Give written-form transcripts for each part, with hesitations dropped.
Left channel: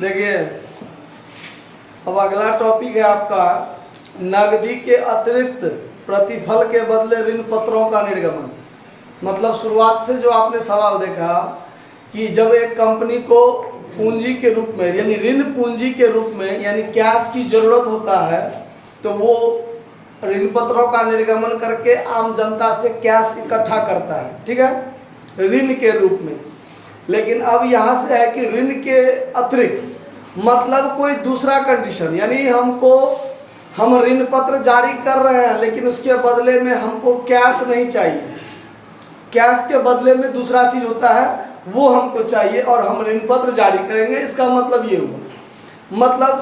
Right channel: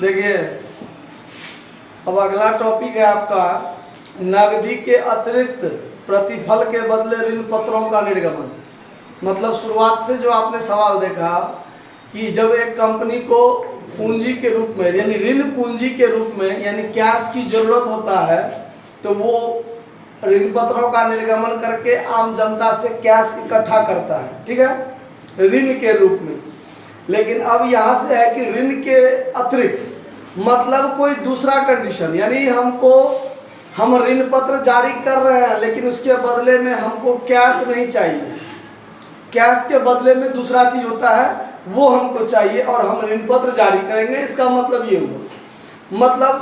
देखिए, अब अगला टॉपिक है आपका नकदी के अतिरिक्त प्रतिफल के बदले ऋण पत्रों का निर्गमन। मतलब शुरुआत से जो आपने सवाल देखा कि जब एक कंपनी को पूंजी के रूप में यानी ऋण पूंजी के रूप में यानी कैश की जरूरत होता है तो वो ऋण पत्रों का निर्गमन करके आम जनता से कैश इकट्ठा करता है, ठीक है, ऋण के रूप में। लेकिन अब यहाँ से है कि ऋण के अतिरिक्त मतलब कोई दूसरा कंडीशन, यानी हम ऋण पत्र जारी कर रहे हैं लेकिन उसके बदले में हमको कैश नहीं चाहिए, कैश के बदले में दूसरा चीज होता है वो हमको चाहिए और हम ऋण पत्र जारी करेंगे। इसका मतलब ये हुआ, मतलब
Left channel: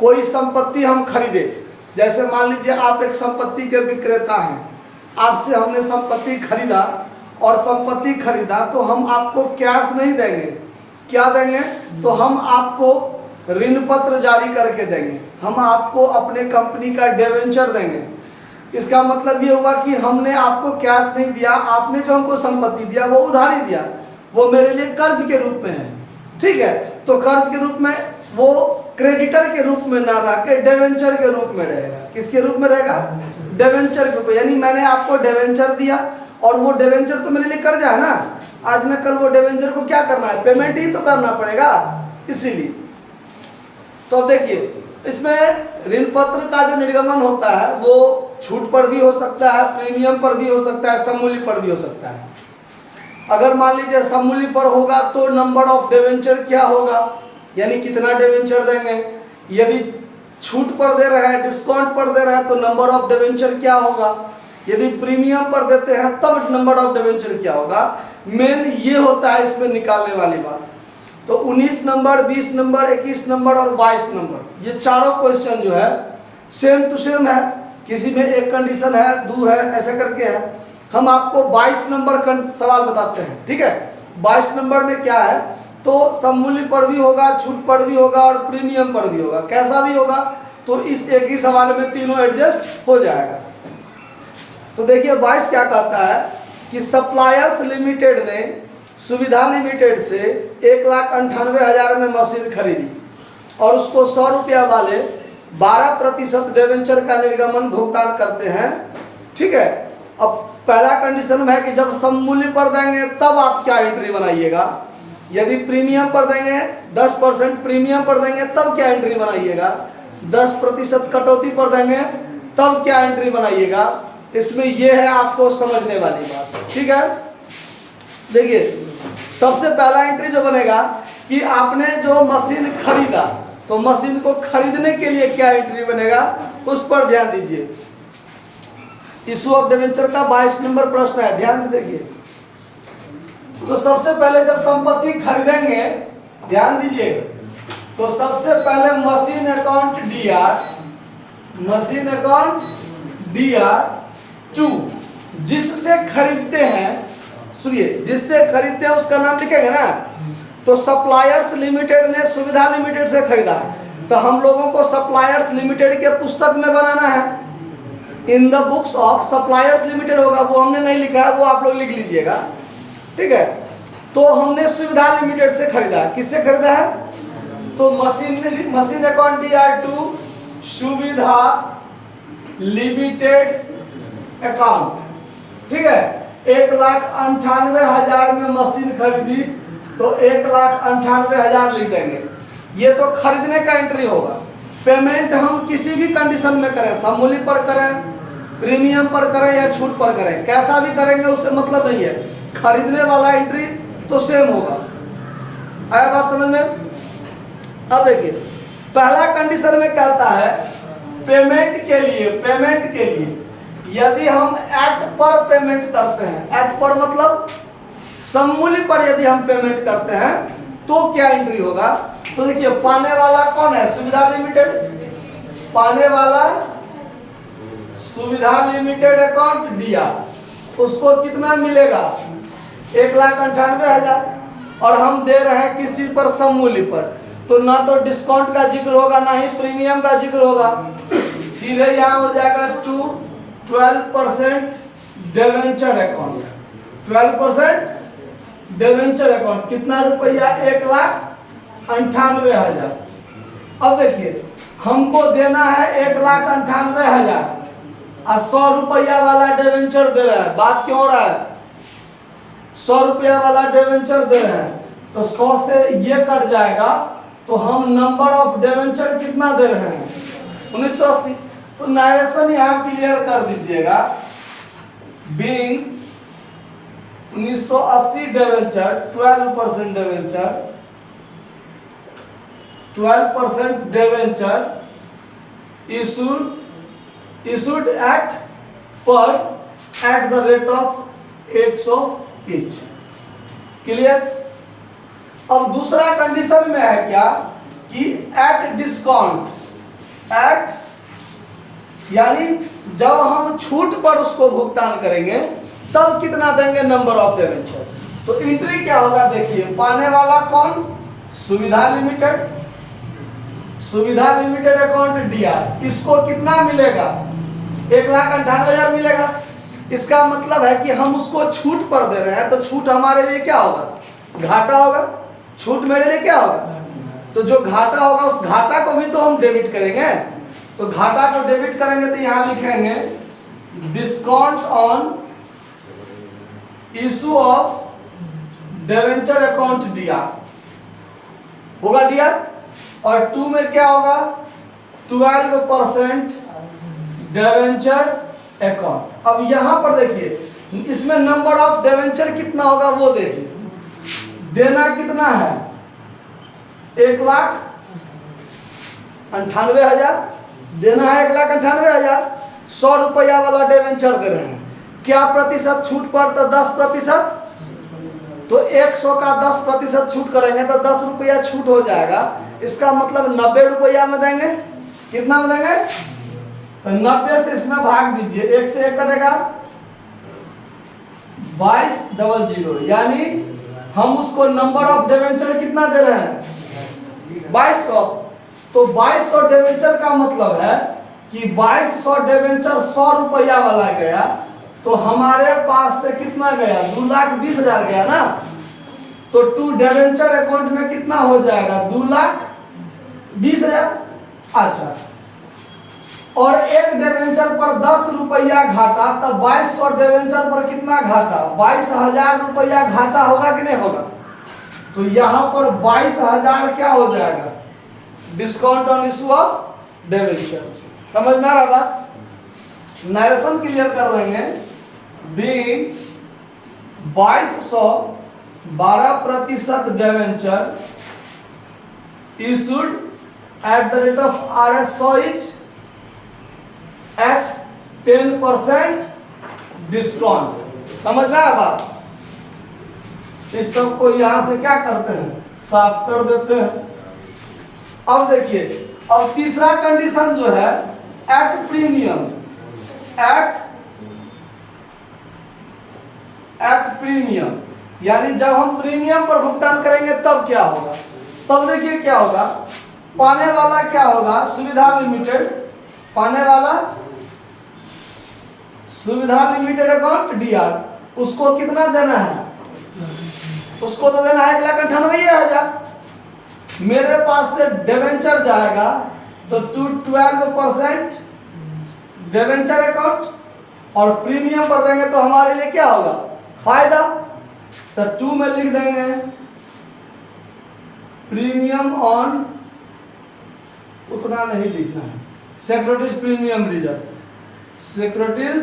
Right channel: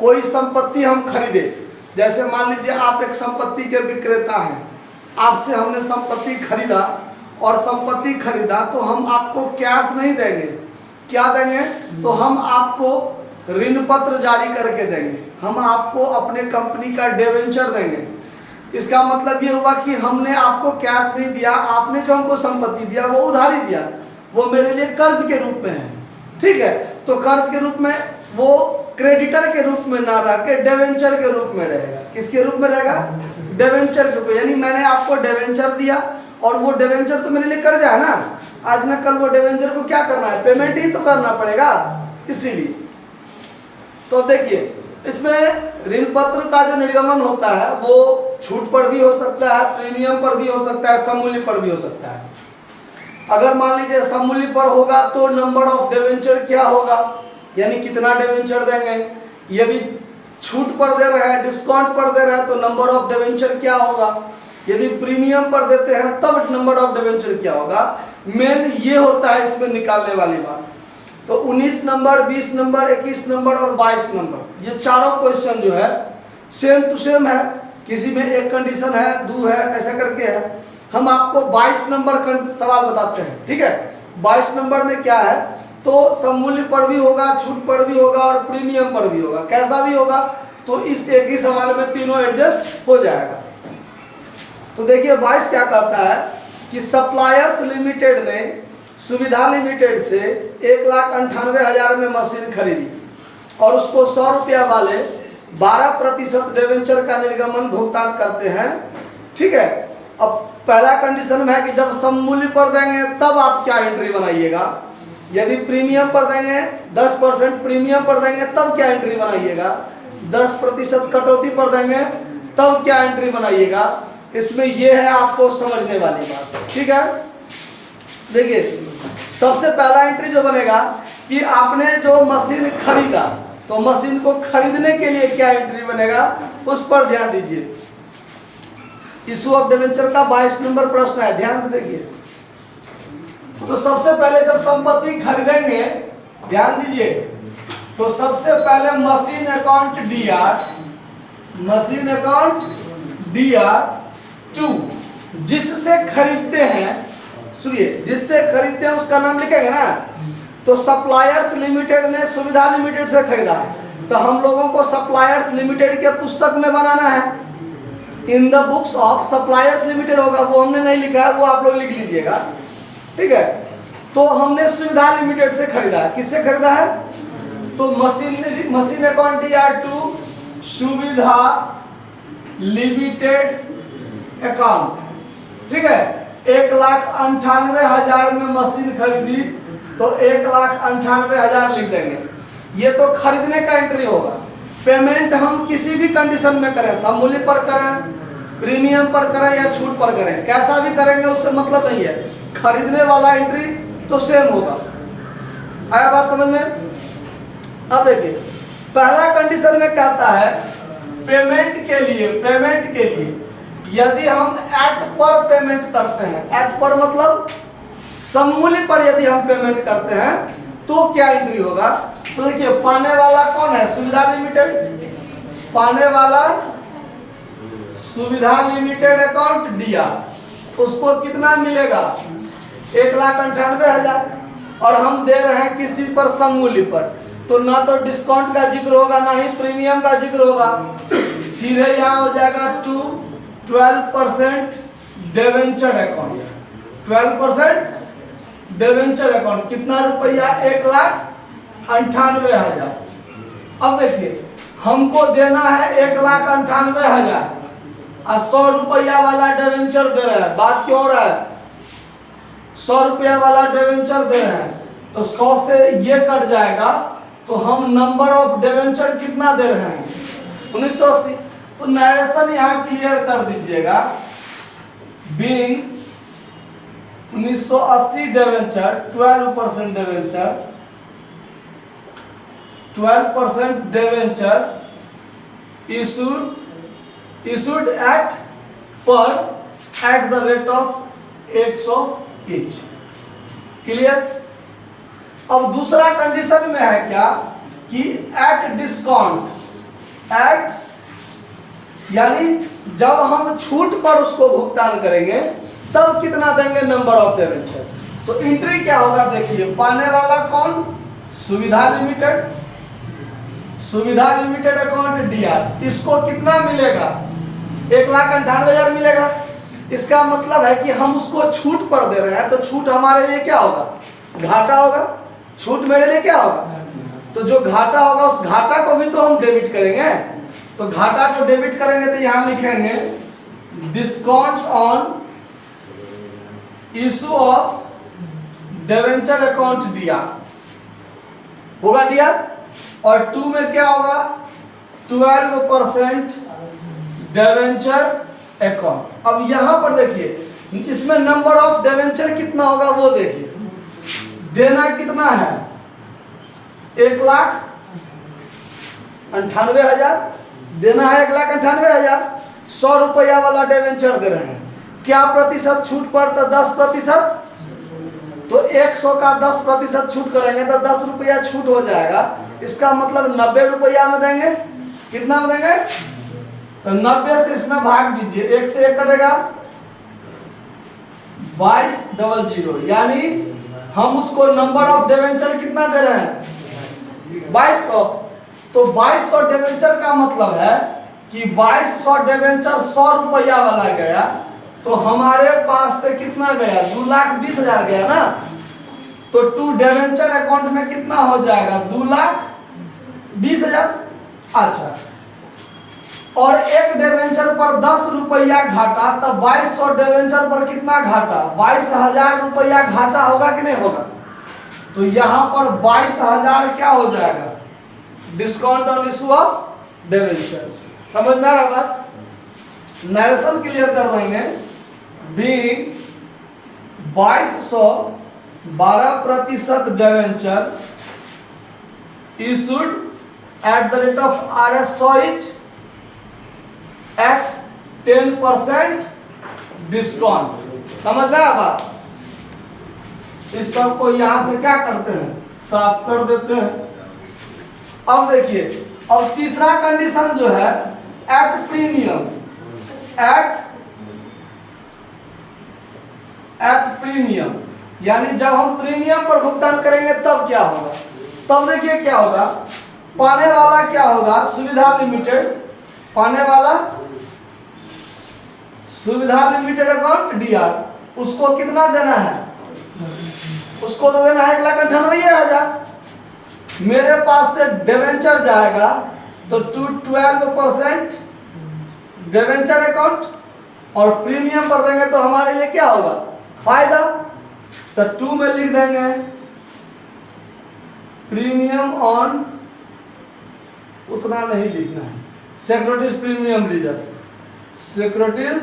कोई संपत्ति हम खरीदे, जैसे मान लीजिए आप एक संपत्ति के विक्रेता हैं, आपसे हमने संपत्ति खरीदा और संपत्ति खरीदा तो हम आपको कैश नहीं देंगे, क्या देंगे, तो हम आपको ऋण पत्र जारी करके देंगे, हम आपको अपने कंपनी का डिवेंचर देंगे। इसका मतलब ये हुआ कि हमने आपको कैश नहीं दिया, आपने जो हमको संपत्ति दिया वो उधारी दिया, वो मेरे लिए कर्ज के रूप में है, ठीक है। तो कर्ज के रूप में वो क्रेडिटर के रूप में ना रह के डिवेंचर के रूप में रहेगा। किसके रूप में रहेगा, डिवेंचर के रूप में, यानी मैंने आपको डिवेंचर दिया और वो डिवेंचर तो मेरे लिए कर्जा है ना, आज न कल वो डिवेंचर को क्या करना है, पेमेंट ही तो करना पड़ेगा, इसीलिए। तो अब देखिए इसमें ऋण पत्र का जो निर्गमन होता है वो छूट पर भी हो सकता है, प्रीमियम पर भी हो सकता है, सममूल्य पर भी हो सकता है। अगर मान लीजिए सममूल्य पर होगा तो नंबर ऑफ डिवेंचर क्या होगा, यानी कितना डिवेंचर देंगे। यदि छूट पर दे रहे हैं, डिस्काउंट पर दे रहे हैं तो नंबर ऑफ डिवेंचर क्या होगा। यदि प्रीमियम पर देते हैं तब नंबर ऑफ डिवेंचर क्या होगा। मेन ये होता है इसमें निकालने वाली बात। तो 19 नंबर, 20 नंबर, 21 नंबर और 22 नंबर, ये चारों क्वेश्चन जो है सेम टू सेम है, किसी में एक कंडीशन है, दो है, ऐसे करके है। हम आपको 22 नंबर का सवाल बताते हैं, ठीक है। 22 नंबर में क्या है, तो सममूल्य पर भी होगा, छूट पर भी होगा और प्रीमियम पर भी होगा, कैसा भी होगा। तो इस एक ही सवाल में तीनों एडजस्ट हो जाएगा। तो देखिए 22 क्या कहता है कि सप्लायर्स लिमिटेड ने सुविधा लिमिटेड से 1,98,000 में मशीन खरीदी और उसको 100 रुपया वाले 12% डिवेंचर का निर्गमन भुगतान करते हैं, ठीक है। अब पहला कंडीशन में है कि जब सममूल्य पर देंगे तब आप क्या एंट्री बनाइएगा, यदि प्रीमियम पर देंगे 10% प्रीमियम पर देंगे तब क्या एंट्री बनाइएगा, 10% कटौती पर देंगे तब क्या एंट्री बनाइएगा। इसमें यह है आपको समझने वाली बात, ठीक है। देखिए सबसे पहला एंट्री जो बनेगा कि आपने जो मशीन खरीदा तो मशीन को खरीदने के लिए क्या एंट्री बनेगा उस पर ध्यान दीजिए। इशू ऑफ डिवेंचर का 22 नंबर प्रश्न है, ध्यान से देखिए। तो सबसे पहले जब संपत्ति खरीदेंगे, ध्यान दीजिए, तो सबसे पहले machine account DR, machine account DR 2, जिससे खरीदते हैं, सुनिए, जिससे खरीदते हैं उसका नाम लिखेंगे ना। तो सप्लायर्स लिमिटेड ने सुविधा लिमिटेड से खरीदा, तो हम लोगों को सप्लायर्स लिमिटेड के पुस्तक में बनाना है, in the books of suppliers limited होगा, वो हमने नहीं लिखा है, वो आप लोग लिख लीजिएगा, ठीक है। तो हमने सुविधा लिमिटेड से खरीदा है, किससे खरीदा है, तो मशीन अकाउंट डीआर2 सुविधा लिमिटेड अकाउंट, ठीक है। 1,98,000 में मशीन खरीदी तो 1,98,000 लिख देंगे, ये तो खरीदने का एंट्री होगा। पेमेंट हम किसी भी कंडीशन में करें, सममूल्य पर करें, प्रीमियम पर करें या छूट पर करें, कैसा भी करेंगे उससे मतलब नहीं है, खरीदने वाला एंट्री तो सेम होगा। आया बात समझ में। अब देखिए पहला कंडीशन में कहता है पेमेंट के लिए यदि हम एट पर पेमेंट करते हैं, एट पर मतलब सममूल्य पर यदि हम पेमेंट करते हैं तो क्या एंट्री होगा। तो देखिए पाने वाला कौन है, सुविधा लिमिटेड, पाने वाला सुविधा लिमिटेड अकाउंट दिया, उसको कितना मिलेगा 1,98,000 और हम दे रहे हैं किस चीज पर, सममूल्य पर, तो ना तो डिस्काउंट का जिक्र होगा ना ही प्रीमियम का जिक्र होगा, सीधे यहाँ हो जाएगा 12% डिवेंचर अकाउंट, 12% डिवेंचर अकाउंट, कितना रुपया 1,00,000 98,000। अब देखिए हमको देना है 1,98,000 और 100 रुपया वाला डिवेंचर दे रहा है। बात क्यों हो रहा है? 100 रुपया वाला डिवेंचर दे रहे हैं तो 100 से ये कट जाएगा तो हम नंबर ऑफ डिवेंचर कितना दे रहे हैं? 1980। तो नरेशन यहाँ क्लियर कर दीजिएगा। Being 1980 debenture 12% debenture 12% debenture issued at the rate of 100 each। Clear? अब दूसरा कंडीशन में है क्या कि एट डिस्काउंट, एट यानी जब हम छूट पर उसको भुगतान करेंगे तब कितना देंगे? Number of debenture. तो एंट्री क्या होगा? देखिए पाने वाला कौन? सुविधा लिमिटेड, सुविधा लिमिटेड अकाउंट डीआर। इसको कितना मिलेगा? 1,98,000 मिलेगा। इसका मतलब है कि हम उसको छूट पर दे रहे हैं तो छूट हमारे लिए क्या होगा? घाटा होगा। छूट मेरे लिए क्या होगा? तो जो घाटा होगा उस घाटा को भी तो हम डेबिट करेंगे। तो घाटा को डेबिट करेंगे तो यहां लिखेंगे discount on issue of debenture account DR होगा डीआर। और 2 में क्या होगा? 12% डिवेंचर अकाउंट। अब यहां पर देखिए इसमें नंबर ऑफ डिवेंचर कितना होगा वो देखिए। देना कितना है? 1,98,000 देना है। 1,98,000 100 रुपया वाला डिवेंचर दे रहे हैं। क्या प्रतिशत छूट पर? तो 10%। तो 100 का 10% छूट करेंगे तो 10 रुपया छूट हो जाएगा। इसका मतलब 90 रुपया में देंगे। कितना में देंगे? तो 90 से इसमें भाग दीजिए, 1 से 1 कटेगा 2200। यानी हम उसको नंबर ऑफ डिवेंचर कितना दे रहे हैं? 2200। तो 2200 डिवेंचर का मतलब है कि 2200 डिवेंचर 100 रुपया वाला गया तो हमारे पास से कितना गया? 2,20,000 गया ना। तो 2 डिवेंचर अकाउंट में कितना हो जाएगा? 2,20,000। अच्छा, और एक डिवेंचर पर 10 रुपया घाटा, तब 2200 डिवेंचर पर कितना घाटा? 22,000 रुपया घाटा होगा कि नहीं होगा? तो यहां पर 22,000 क्या हो जाएगा? Discount on issue of debenture. समझ में आ रहा बात? नरेशन क्लियर कर देंगे। Being 2200 12% debenture issued at the rate of RS 100 each at 10% discount. समझ में आया बात? इस सब को यहां से क्या करते हैं? साफ कर देते हैं। अब देखिए, अब तीसरा कंडीशन जो है एट प्रीमियम, एट प्रीमियम यानी जब हम प्रीमियम पर भुगतान करेंगे तब क्या होगा? तब देखिए क्या होगा। पाने वाला क्या होगा? सुविधा लिमिटेड। पाने वाला सुविधा लिमिटेड अकाउंट डीआर। उसको कितना देना है? उसको तो देना है 1,98,000। मेरे पास से डिवेंचर जाएगा तो 12% डिवेंचर अकाउंट और प्रीमियम पर देंगे तो हमारे लिए क्या होगा? फायदा। तो 2 में लिख देंगे प्रीमियम ऑन, उतना नहीं लिखना है, securities premium reserve, securities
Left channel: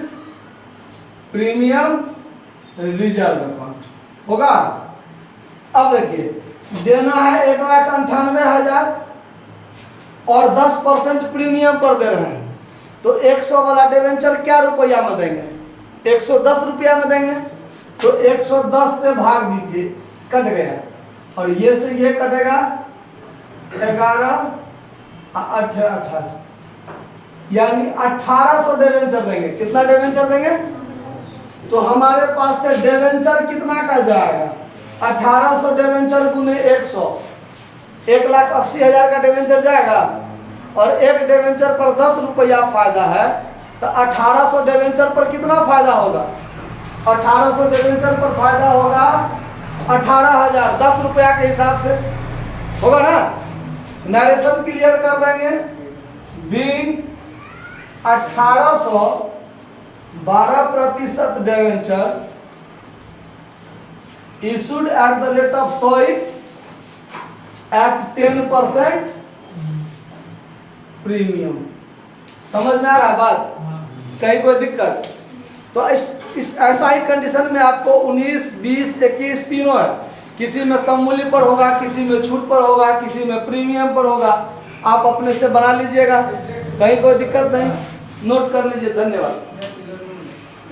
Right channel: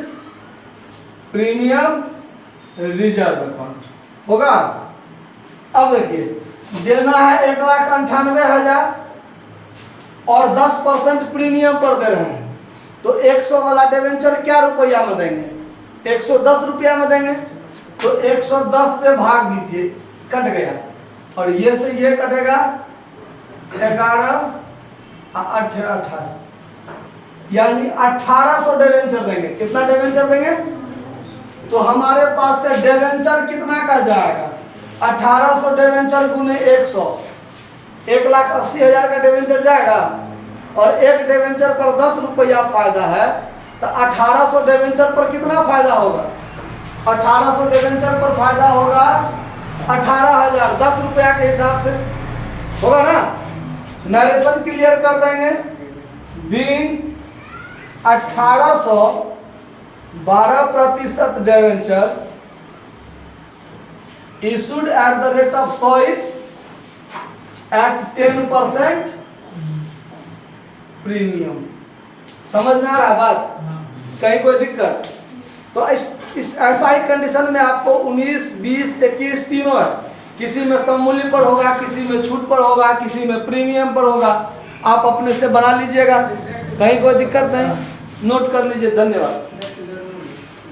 premium reserve account होगा। अब देखिए देना है 1,98,000 और 10% प्रीमियम पर दे रहे हैं तो 100 वाला डिवेंचर क्या रुपया में देंगे? 110 रुपया में देंगे। तो 110 से भाग दीजिए, कट गया, और ये से ये कटेगा 11 28, यानी 1800 डिवेंचर देंगे। कितना डिवेंचर देंगे? तो हमारे पास से डिवेंचर कितना का जाएगा? 1800 डिवेंचर गुने 100, 1,80,000 का डिवेंचर जाएगा। और एक डिवेंचर पर 10 रुपया फायदा है तो 1800 डिवेंचर पर कितना फायदा होगा? 1800 डिवेंचर पर फायदा होगा 18,000, 10 रुपया के हिसाब से। होगा ना? नरेशन क्लियर कर देंगे। Being 1812% debenture issued at the rate of SOIC at 10% premium. समझ में आ रहा बात? कहीं कोई दिक्कत? तो इस ऐसा ही कंडीशन में आपको 19, 20, 21 तीनों है। किसी में सममूल्य पर होगा, किसी में छूट पर होगा, किसी में प्रीमियम पर होगा। आप अपने से बना लीजिएगा, कहीं कोई दिक्कत नहीं, नोट कर लीजिए। धन्यवाद।